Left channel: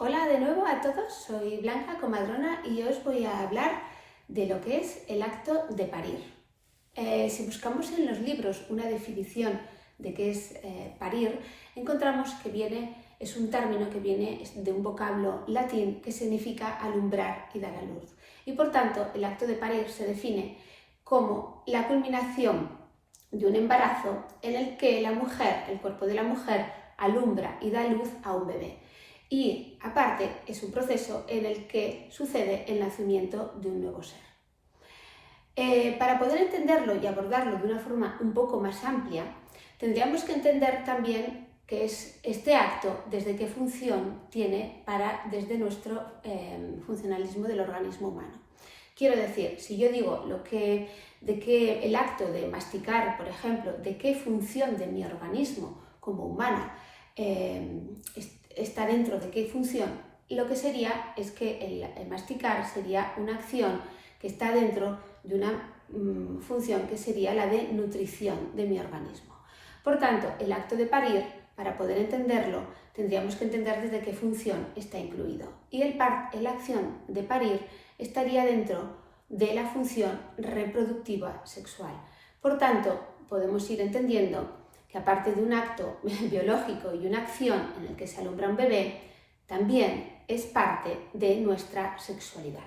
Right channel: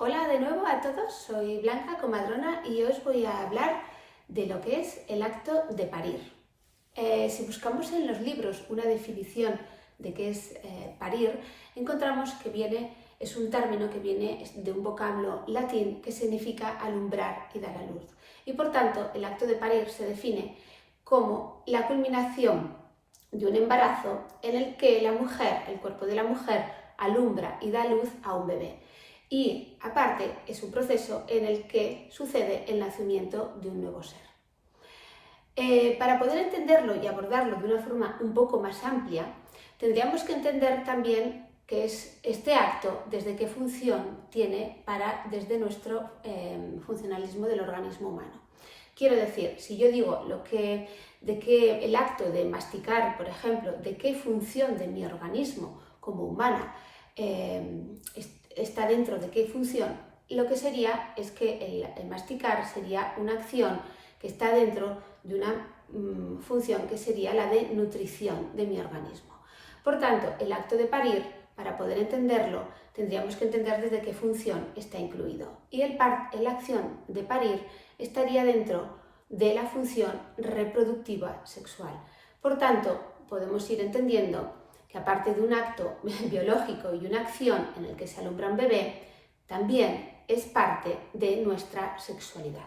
Hola de nuevo a todos, soy Blanca, comadrona, y os voy a hablar de lo que es el acto de parir. Si buscamos en los libros una definición de qué es parir, encontramos que es un término que viene de un vocablo latín que significa alumbrar y dar a luz. Y por tanto, el acto de parir se define como la culminación de un embarazo en el que el cuerpo de la mujer, alumbra y da luz a un bebé. Y aparte es un proceso en el que sucede el nacimiento de un nuevo ser. Para poder entenderlo y abordarlo de una forma un poco más amplia, tendríamos que entender también qué es este acto, desde qué función tiene desde nuestro funcionalismo del organismo humano. Quiero decir, si yo digo de que el acto de masticar, por ejemplo, de qué función de mi organismo como humana está dentro de qué función, lo que sería es que el masticar sería una acción que está dentro de una función que sería la de nutrición de mi organismo. Por tanto, el acto de parir, para poder entenderlo, tendríamos que entender desde qué función está incluido. Y la acción de parir estaría dentro de la función reproductiva sexual. Por tanto, podemos ir entendiendo que aparte de un acto biológico y una acción en el que se alumbra un bebé, también es parte de nuestra sexualidad.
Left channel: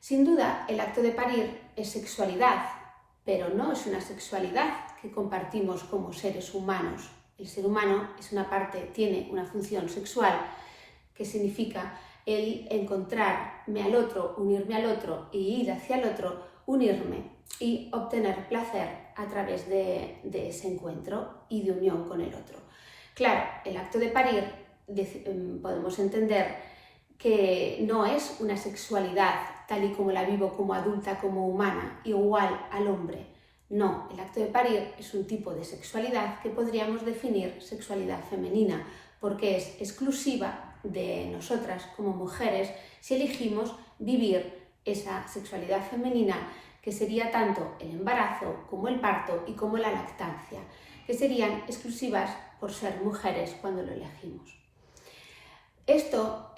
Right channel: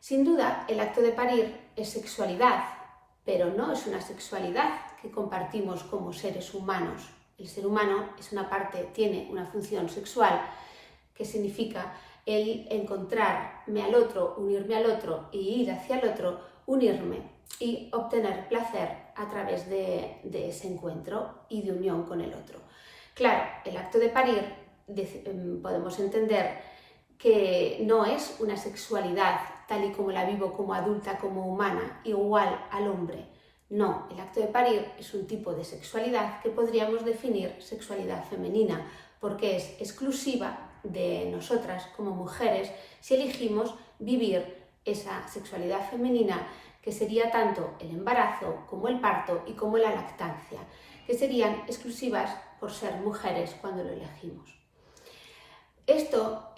Sin duda, el acto de parir es sexualidad, pero no es una sexualidad que compartimos como seres humanos. El ser humano tiene una función sexual, que significa el encontrarme al otro, unirme al otro y ir hacia el otro, unirme y obtener placer a través de ese encuentro y de unión con el otro. Claro, el acto de parir podemos entender que no es una sexualidad tal y como la vivo como adulta, como humana, igual al hombre. No, el acto de parir es un tipo de sexualidad que podríamos definir sexualidad femenina, porque es exclusiva de nosotras como mujeres si elegimos vivir esa sexualidad femenina, que sería tanto el embarazo como el parto y como la lactancia, que serían exclusivas por ser mujeres cuando lo elegimos. Esto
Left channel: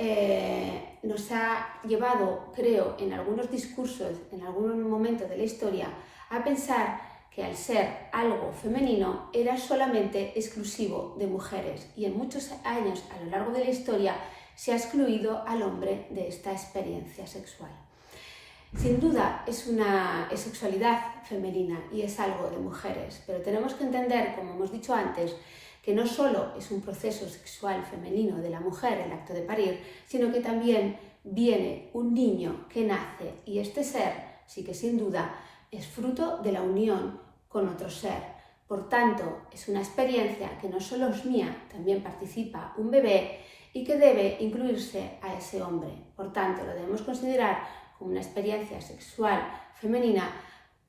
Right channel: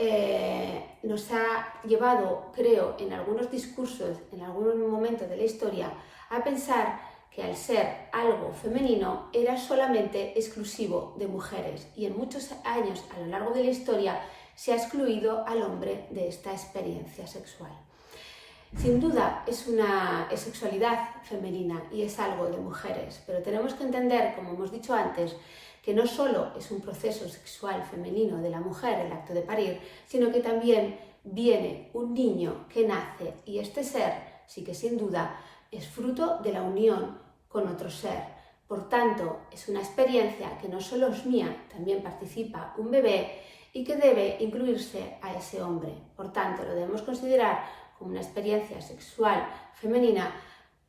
nos ha llevado, creo, en algunos discursos, en algunos momentos de la historia, a pensar que al ser algo femenino era solamente exclusivo de mujeres, y en muchos años a lo largo de la historia se ha excluido al hombre de esta experiencia sexual. Sin duda es sexualidad femenina y es algo de mujeres, pero tenemos que entender, como hemos dicho antes, que no solo es un proceso sexual femenino de la mujer el acto de parir, sino que también viene un niño que nace, y este ser sí que sin duda es fruto de la unión con otro ser. Por tanto, es una experiencia que no solo es mía, también participa un bebé y que debe incluirse a ese hombre. Por tanto, lo debemos considerar como una experiencia sexual femenina,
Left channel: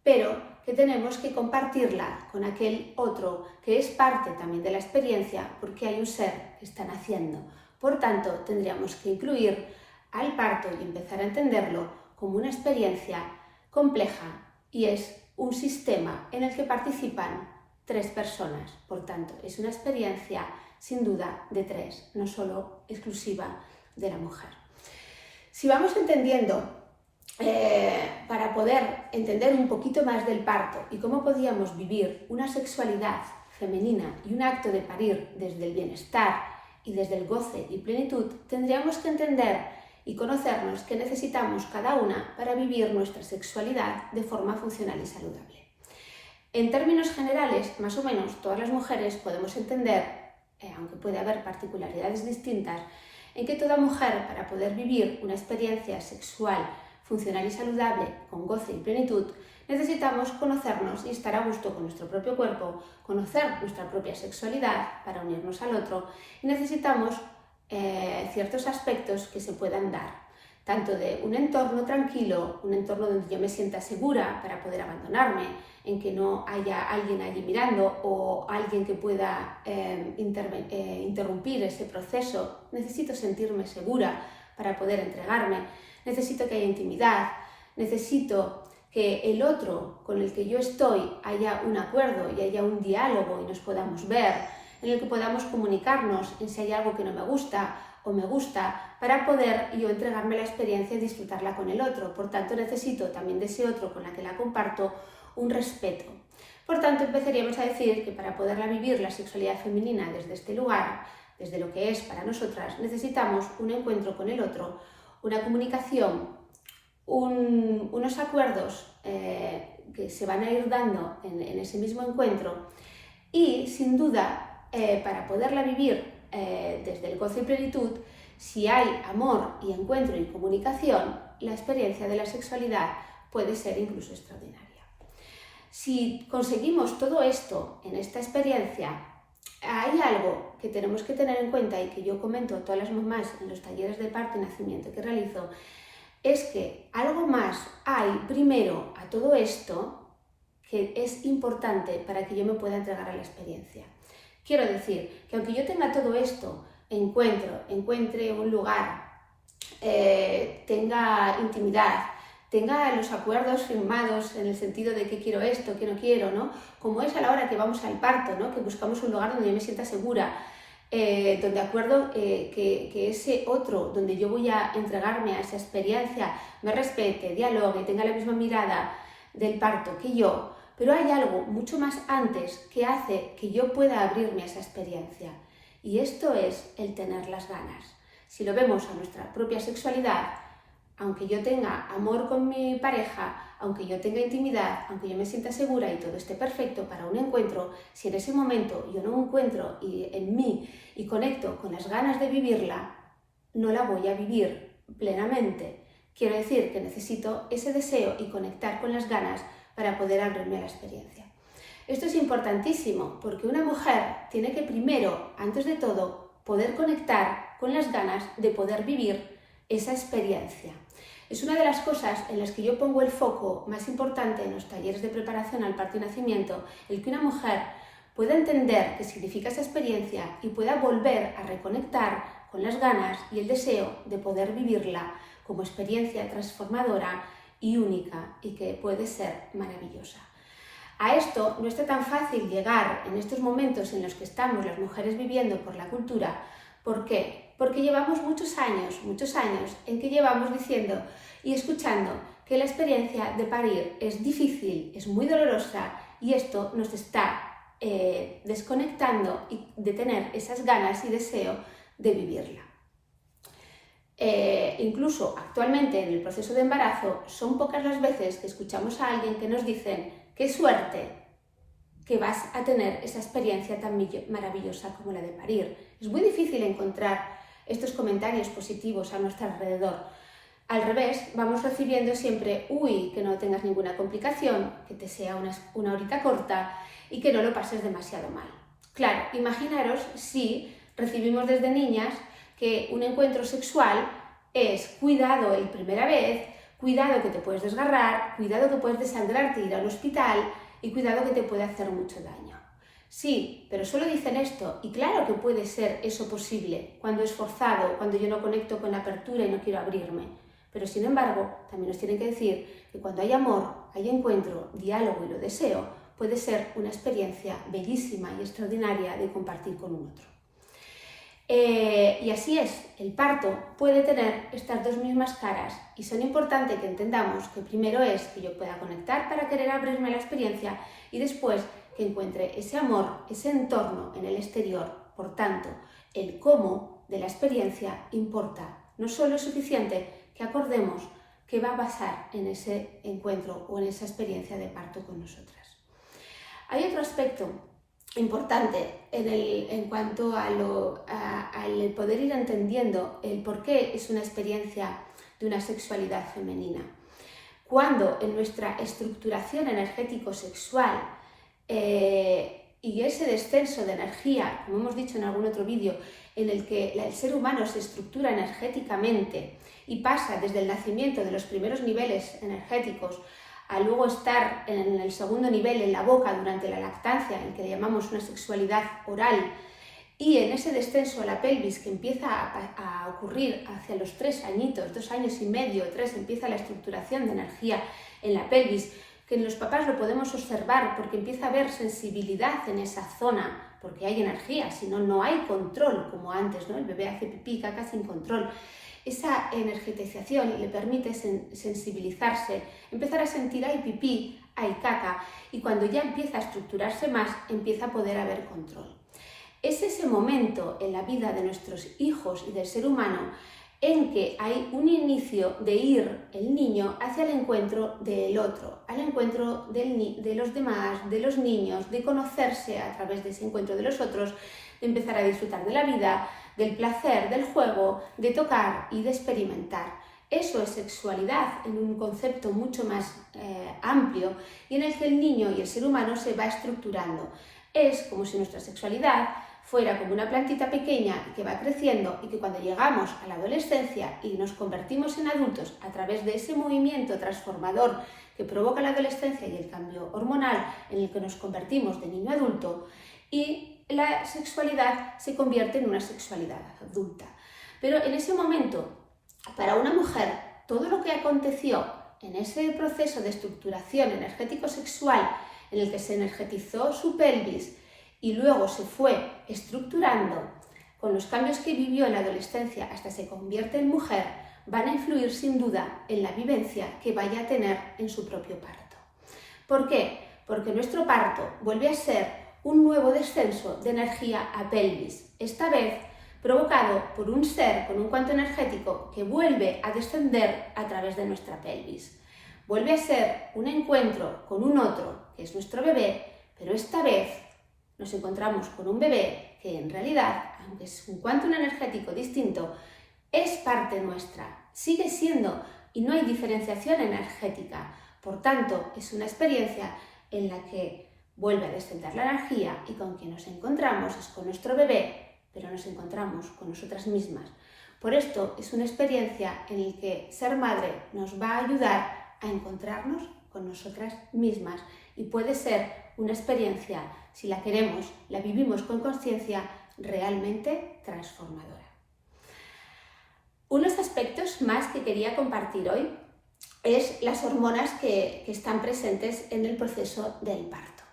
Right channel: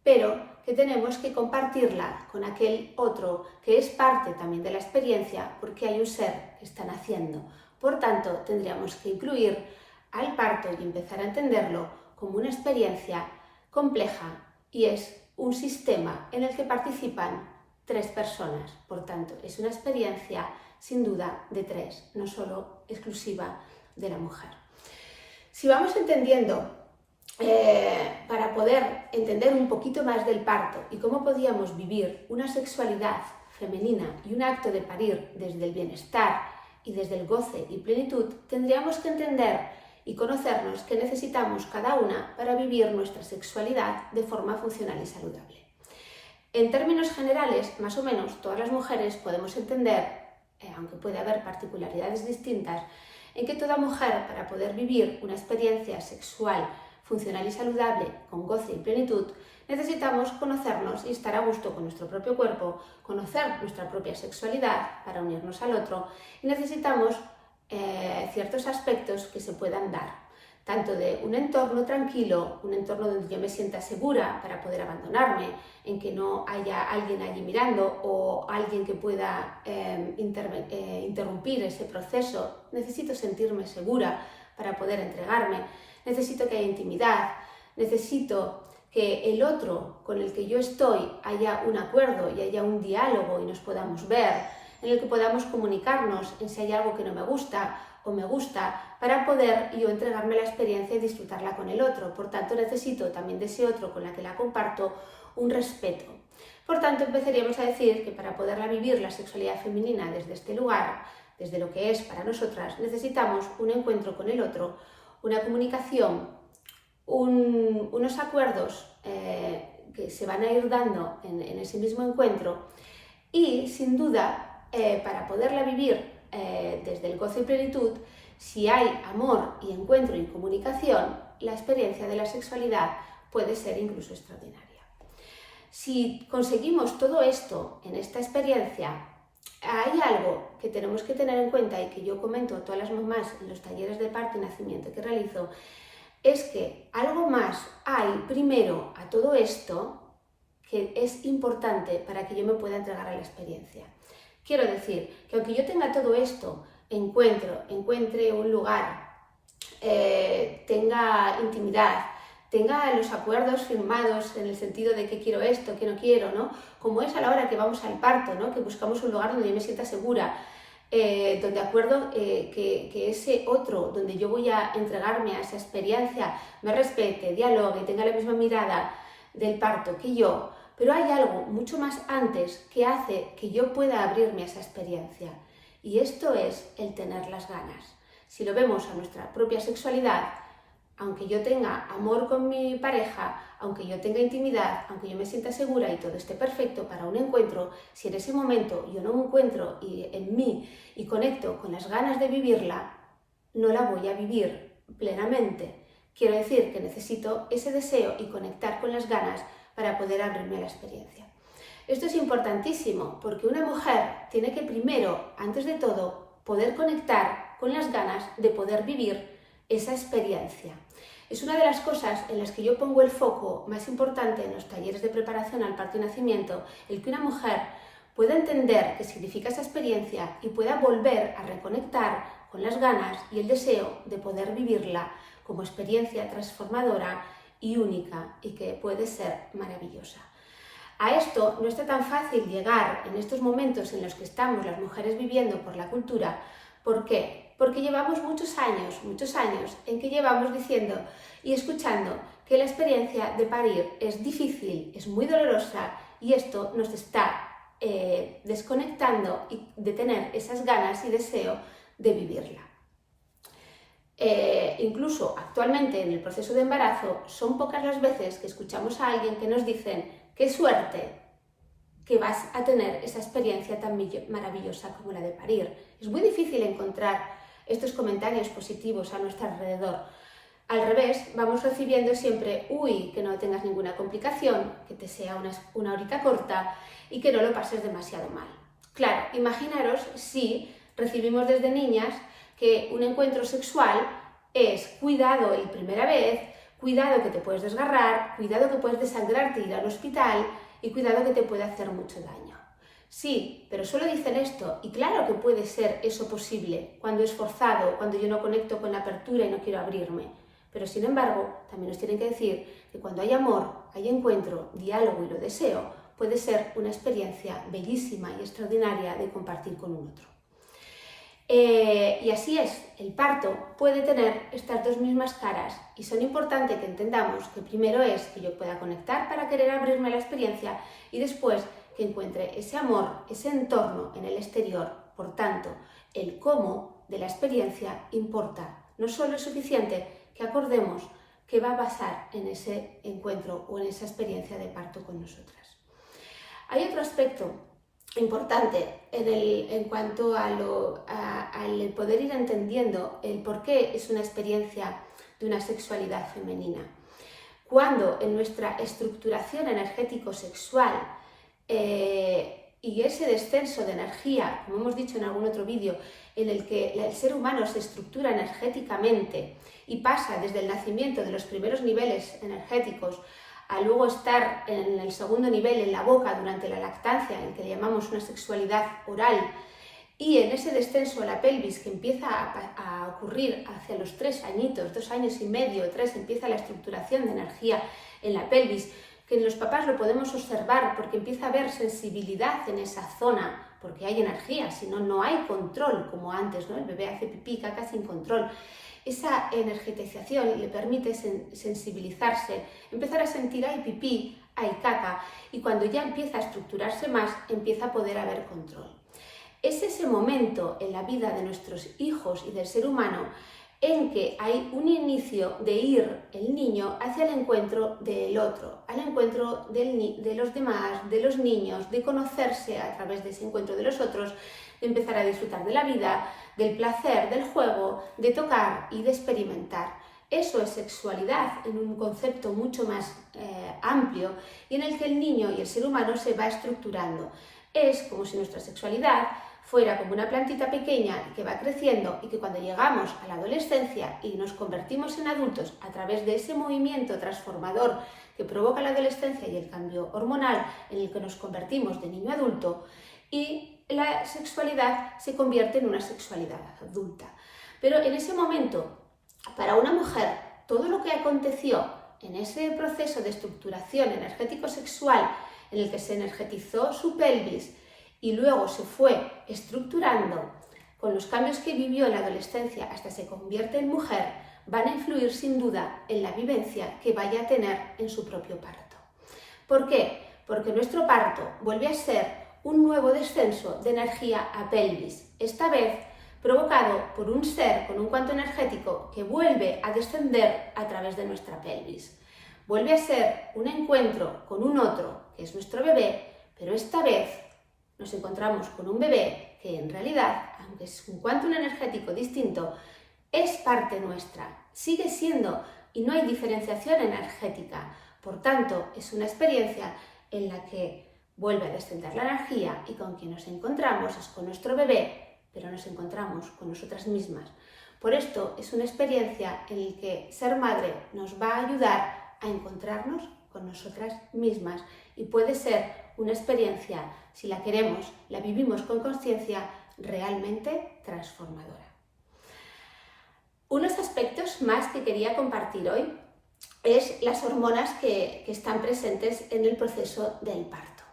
pero que tenemos que compartirla con aquel otro que es parte también de la experiencia, porque hay un ser que está naciendo. Por tanto, tendríamos que incluir al parto y empezar a entenderlo como una experiencia compleja, y es un sistema en el que participan 3 personas. Por tanto, es una experiencia sin duda de 3, no solo exclusiva de la mujer. Si vamos entendiendo, para poder entender un poquito más del parto y cómo podíamos vivir una sexualidad femenina y un acto de parir desde el bienestar y desde el goce y plenitud, tendríamos que entender y conocernos que necesitamos cada una para vivir nuestra sexualidad de forma funcional y saludable. En términos generales, más o menos todas las mujeres podemos entender, aunque puede haber particularidades distintas, en que toda mujer, para poder vivir una experiencia sexual funcional y saludable con goce y plenitud, necesitamos conocernos y estar a gusto con nuestro propio cuerpo, conocer nuestra propia sexualidad para unirnos al otro, y necesitamos ciertos aspectos que se puedan dar, tanto de un entorno tranquilo, un entorno donde yo me sienta segura para poder abandonarme, en que no haya alguien allí mirando o alguien que pueda interrumpir ese proceso. Necesito sentirme segura para poder entregarme, necesito que haya intimidad, necesito que el otro con el que yo estoy haya un acuerdo y haya un diálogo y nos podamos ver, en el que podamos comunicarnos en si hay algo que no me gusta o me gusta para poder yo entregarme la experiencia y disfrutarla con el otro. Por tanto, necesito también de ese otro con la que la comparto un respeto. Por tanto, empezaríamos a decir que para poderla vivir la sexualidad femenina desde este lugar, desde lo que es para nosotras, necesitamos un encuentro con el otro, una comunicación, unos acuerdos que se van a ir dando en ese mismo encuentro y, sin duda, para poderla vivir desde el gozo y plenitud, si hay amor y encuentro y comunicación, la experiencia de la sexualidad puede ser incluso extraordinaria. Si conseguimos todo esto en esta experiencia, hay algo que tenemos que tener en cuenta y que yo comento a todas las mamás en los talleres de parto y nacimiento que realizo, es que algo más hay primero a todo esto que es importante para que yo me pueda entregar a la experiencia. Quiero decir que aunque yo tenga todo esto, encuentre un lugar, tenga intimidad, tenga los acuerdos firmados en el sentido de que quiero esto, que no quiero, ¿no? Como es a la hora que vamos al parto, ¿no? Que buscamos un lugar donde yo me sienta segura, donde acuerdo que ese otro, donde yo voy a entregarme a esa experiencia, me respete, dialogue, tenga la misma mirada del parto que yo, pero hay algo mucho más antes que hace que yo pueda abrirme a esa experiencia, y esto es el tener las ganas. Si lo vemos a nuestra propia sexualidad, aunque yo tenga amor con mi pareja, aunque yo tenga intimidad, aunque yo me sienta segura y todo esté perfecto para un encuentro, si en ese momento yo no encuentro en mí y conecto con las ganas de vivirla, no la voy a vivir plenamente. Quiero decir que necesito ese deseo y conectar con las ganas para poder abrirme a la experiencia. Esto es importantísimo porque una mujer tiene que primero, antes de todo, poder conectar con las ganas de poder vivir esa experiencia. Es una de las cosas en las que yo pongo el foco más importante en los talleres de preparación al parto y nacimiento, el que una mujer pueda entender qué significa esa experiencia y pueda volver a reconectar con las ganas y el deseo de poder vivirla como experiencia transformadora y única y que puede ser maravillosa. A esto no está tan fácil llegar en estos momentos en los que estamos las mujeres viviendo por la cultura. ¿Por qué? Porque llevamos muchos años en que llevamos diciendo y escuchando que la experiencia de parir es difícil, es muy dolorosa y esto nos está desconectando de tener esas ganas y deseo de vivirla. Incluso actualmente en el proceso de embarazo son pocas las veces que escuchamos a alguien que nos dicen qué suerte que vas a tener esa experiencia tan maravillosa como la de parir. Es muy difícil encontrar estos comentarios positivos a nuestro alrededor. Al revés, vamos recibiendo siempre, uy, que no tengas ninguna complicación, que te sea una horita corta y que no lo pases demasiado mal. Claro, imaginaros si recibimos desde niñas que un encuentro sexual es cuidado la primera vez, cuidado que te puedes desgarrar, cuidado que puedes desangrarte e ir al hospital y cuidado que te puede hacer mucho daño. Sí, pero solo dicen esto y claro que puede ser eso posible cuando es forzado, cuando yo no conecto con la apertura y no quiero abrirme. Pero sin embargo, también nos tienen que decir que cuando hay amor, hay encuentro, diálogo y lo deseo, puede ser una experiencia bellísima y extraordinaria de compartir con un otro. Y así es, el parto puede tener estas dos mismas caras y son importantes que entendamos que primero es que yo pueda conectar para querer abrirme a la experiencia y después que encuentre ese amor, ese entorno en el exterior. Por tanto, el cómo de la experiencia importa. No solo es suficiente que acordemos qué va a pasar en ese encuentro o en esa experiencia de parto con nosotras. Hay otro aspecto importante en cuanto al poder ir entendiendo el por qué es una experiencia de una sexualidad femenina. Cuando en nuestra estructuración energético-sexual y ese descenso de energía, como hemos dicho en algún otro vídeo, en el que el ser humano se estructura energéticamente y pasa desde el nacimiento de los primeros niveles energéticos a luego estar en el segundo nivel, en la boca, durante la lactancia, en el que le llamamos una sexualidad oral, y en ese descenso a la pelvis que empieza a ocurrir hacia los 3 añitos, 2 años y medio, 3, empieza la estructuración de energía en la pelvis, que en los papás lo podemos observar porque empieza a haber sensibilidad en esa zona porque hay energía, si no, no hay control como antes, ¿no? El bebé hace pipí, caca sin control. Esa energetización le permite sensibilizarse, empezar a sentir hay pipí, hay caca, y cuando ya empieza a estructurarse más, empieza a poder haber control. Es ese momento en la vida de nuestros hijos y del ser humano en que hay un inicio de ir el niño hacia el encuentro del otro, al encuentro de los demás, de los niños, de conocerse a través de ese encuentro de los otros, de empezar a disfrutar de la vida, del placer, del juego, de tocar y de experimentar. Eso es sexualidad en un concepto mucho más amplio y en el que el niño y el ser humano se va estructurando. Es como si nuestra sexualidad fuera como una plantita pequeña que va creciendo y que cuando llegamos a la adolescencia y nos convertimos en adultos a través de ese movimiento transformador que provoca la adolescencia y el cambio hormonal en el que nos convertimos de niño a adulto, y la sexualidad se convierte en una sexualidad adulta. Pero en ese momento, para una mujer, todo lo que aconteció en ese proceso de estructuración energético-sexual en el que se energetizó su pelvis y luego se fue estructurando con los cambios que vivió en la adolescencia hasta se convierte en mujer, van a influir sin duda en la vivencia que vaya a tener en su propio parto. ¿Por qué? Porque nuestro parto vuelve a ser un nuevo descenso de energía a pelvis, esta vez provocado por un ser con un cuanto energético que vuelve a descender a través de nuestra pelvis. Vuelve a ser un encuentro con un otro, que es nuestro bebé, pero esta vez nos encontramos con un bebé que en realidad, aunque es un quantum energético distinto, es parte nuestra, sigue siendo y no hay diferenciación energética. Por tanto, es una experiencia en la que vuelve a descender la energía y con quien nos encontramos es con nuestro bebé, pero nos encontramos con nosotras mismas. Por esto es una experiencia en la que ser madre nos va a ayudar a encontrarnos con nosotras mismas y puede ser una experiencia, si la queremos, la vivimos con conciencia, realmente transformadora. Unos aspectos más que quería compartir hoy es las hormonas que están presentes en el proceso del parto.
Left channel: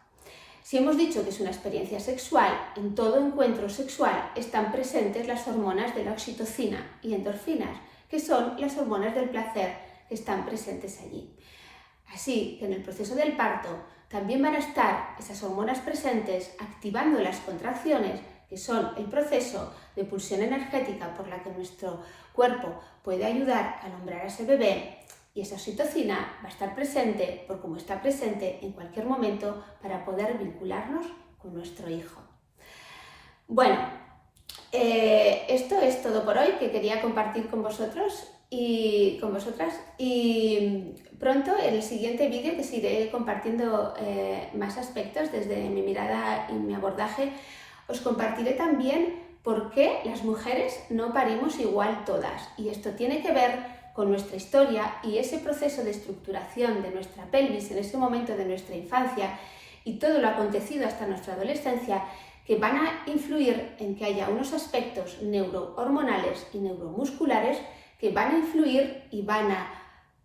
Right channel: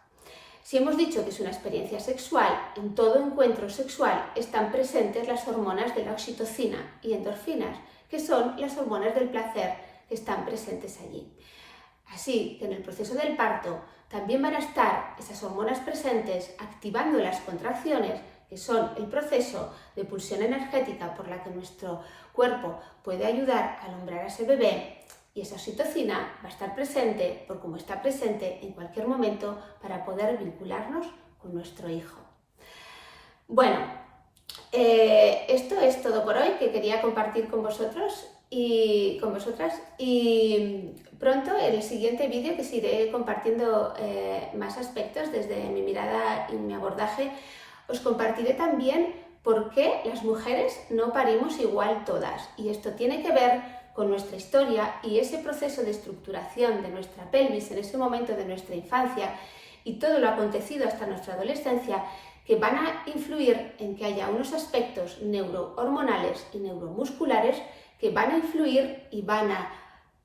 Si hemos dicho que es una experiencia sexual, en todo encuentro sexual están presentes las hormonas de la oxitocina y endorfinas, que son las hormonas del placer que están presentes allí. Así que en el proceso del parto también van a estar esas hormonas presentes activando las contracciones, que son el proceso de pulsión energética por la que nuestro cuerpo puede ayudar a alumbrar a ese bebé, y esa oxitocina va a estar presente por como está presente en cualquier momento para poder vincularnos con nuestro hijo. Bueno, esto es todo por hoy que quería compartir con vosotros y con vosotras, y pronto en el siguiente vídeo que iré compartiendo más aspectos desde mi mirada y mi abordaje, os compartiré también por qué las mujeres no parimos igual todas, y esto tiene que ver con nuestra historia y ese proceso de estructuración de nuestra pelvis en ese momento de nuestra infancia y todo lo acontecido hasta nuestra adolescencia, que van a influir en que haya unos aspectos neurohormonales y neuromusculares que van a influir y van a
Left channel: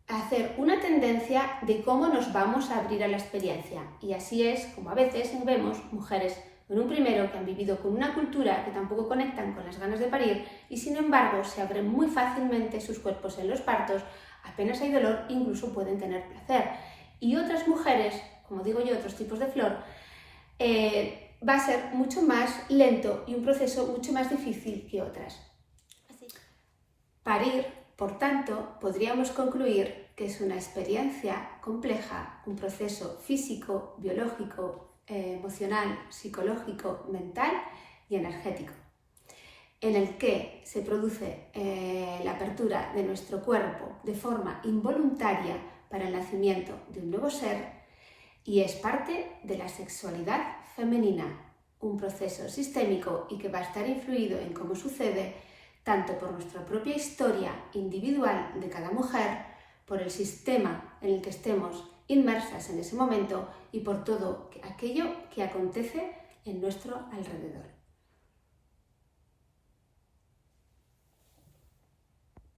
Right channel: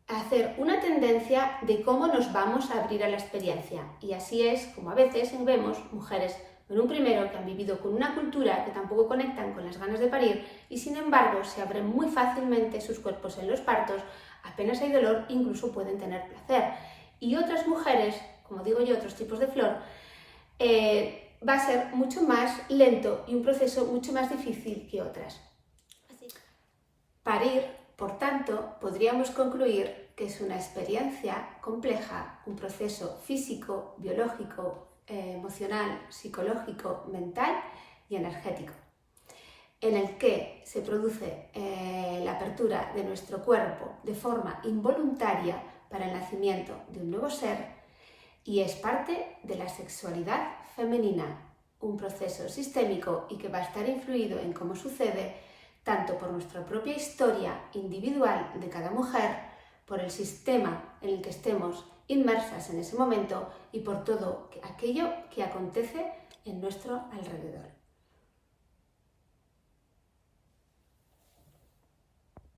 hacer una tendencia de cómo nos vamos a abrir a la experiencia. Y así es como a veces vemos mujeres en un primero que han vivido con una cultura que tampoco conectan con las ganas de parir y sin embargo se abren muy fácilmente sus cuerpos en los partos, apenas hay dolor, incluso pueden tener placer. Y otras mujeres, como digo yo, otros tipos de flor, va a ser mucho más lento y un proceso mucho más difícil que otras. Parir, por tanto, podríamos concluir que es una experiencia compleja, un proceso físico, biológico, emocional, psicológico, mental y energético, en el que se produce la apertura de nuestro cuerpo de forma involuntaria para el nacimiento de un nuevo ser y es parte de la sexualidad femenina, un proceso sistémico y que va a estar influido en cómo sucede tanto por nuestra propia historia individual de cada mujer, por el sistema en el que estemos inmersas en ese momento y por todo aquello que acontece en nuestro alrededor.